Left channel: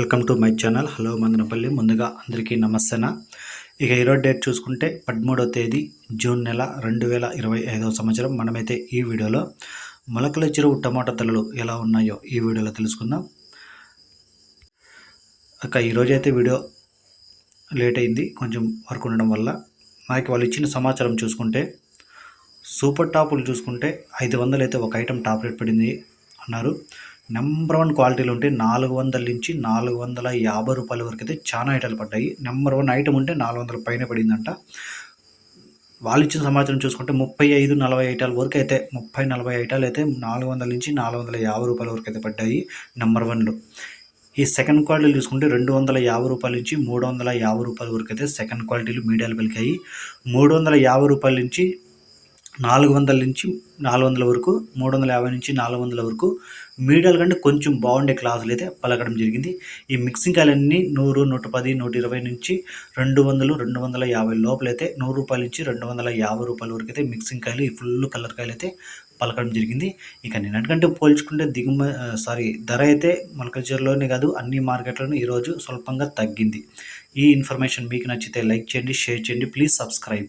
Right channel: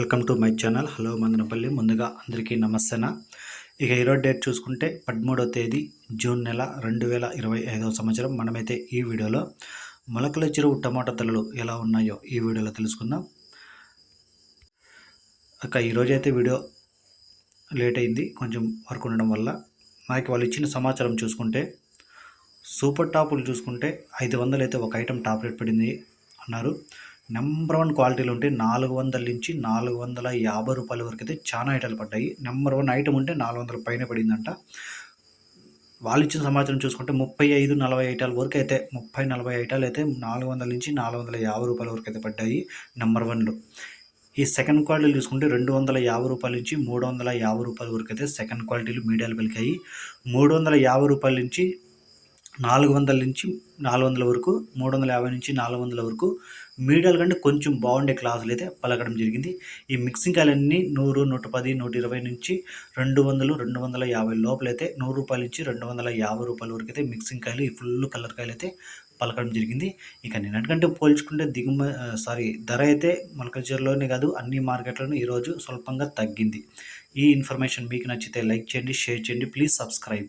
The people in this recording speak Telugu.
Welcome to my channel. Hello Mandanapalli. ముందుగా అందరికీ నమస్తేన? ఇక ఈరోజు డేట్ చూసుకుంటే పదమూడవ తేదీ జూన్ నెల రెండు వేల ఇరవై ఐదవ సంవత్సరం. మనమైతే ఈ వీడియోలో మొలకల చెరువు టమాటా తలలు ఎలా ఉన్నాయో ఈ వీడియోలో తెలుసుకుందాం. అక్క ఈరోజు అయితే వీడియో లేట్ అయింది కొంచెం వర్క్ ఉండడం వల్ల నాకు వాళ్ళు ఇచ్చిన సమాచారం చూసుకుంటే సూపర్ టాపులు చూసుకుంటే ఐదు వందలు అయితే ఒక ఐటెం టాప్ రేట్ పడింది అన్నారు. నెంబర్ వన్ క్వాలిటీలు ఉంటే నాలుగు వందల నుంచి నాలుగు వందల యాభై రూపాయల వరకు అయితే చాలా ఐటాలు పడ్డాయి. నెంబర్ వన్ ఐటమ్ ఉంటే నాలుగు వందల పైన పడిందంట. వాళ్ళు ఇచ్చిన సమాచారం చూసుకుంటే ముప్పై ఐదు నలభై ఐటాల వరకు అయితే ముప్పై నలభై ఐటాలు అయితే నాలుగు వందల నుంచి నాలుగు వందల యాభై రూపాయల వరకు అయితే పడ్డాయి నెంబర్ వన్లో. ఈ సెకండ్ క్వాలిటీలు చూసుకుంటే రెండు వందల యాభై రూపాయల నుంచి మూడు వందల యాభై రూపాయల వరకు అయితే సెకండ్ క్వాలిటీలు మీడియాలు పలికాయి. మూడు వందల యాభై రూపాయల నుంచి నాలుగు వందల నుంచి నాలుగు వందల వరకు మూడు వందల యాభై నుంచి నాలుగు వందల వరకు మీడియాల కంటే కొంచెం బాగుండే క్లాసులు అయితే పలకడం జరిగింది. ఈ మిక్సింగ్ కాయలన్నీ నూరు నూట పది నూట ఇరవై నుంచి రెండు వందలు రెండు వందల యాభై లోపలైతే నూరు రూపాయల నుంచి రెండు వందల యాభై రూపాయల వరకు అయితే మిక్సింగ్ కాయలు ఈ ఫుల్ కలర్ కాయలు అయితే పలకడం జరిగింది. ఇక నిన్నటికంటే పోల్చుకుంటే దిగుమ సారీ ధర అయితే మొలకల్చర్లోనే కాదు అన్ని మార్కెట్లోనూ ఈరోజు స్వల్పంగా తగ్గింది. ఈ ఇన్ఫర్మేషన్ మీకు నచ్చితే లైక్ చేయండి షేర్ చేయండి ప్లీజ్ సబ్స్క్రైబ్.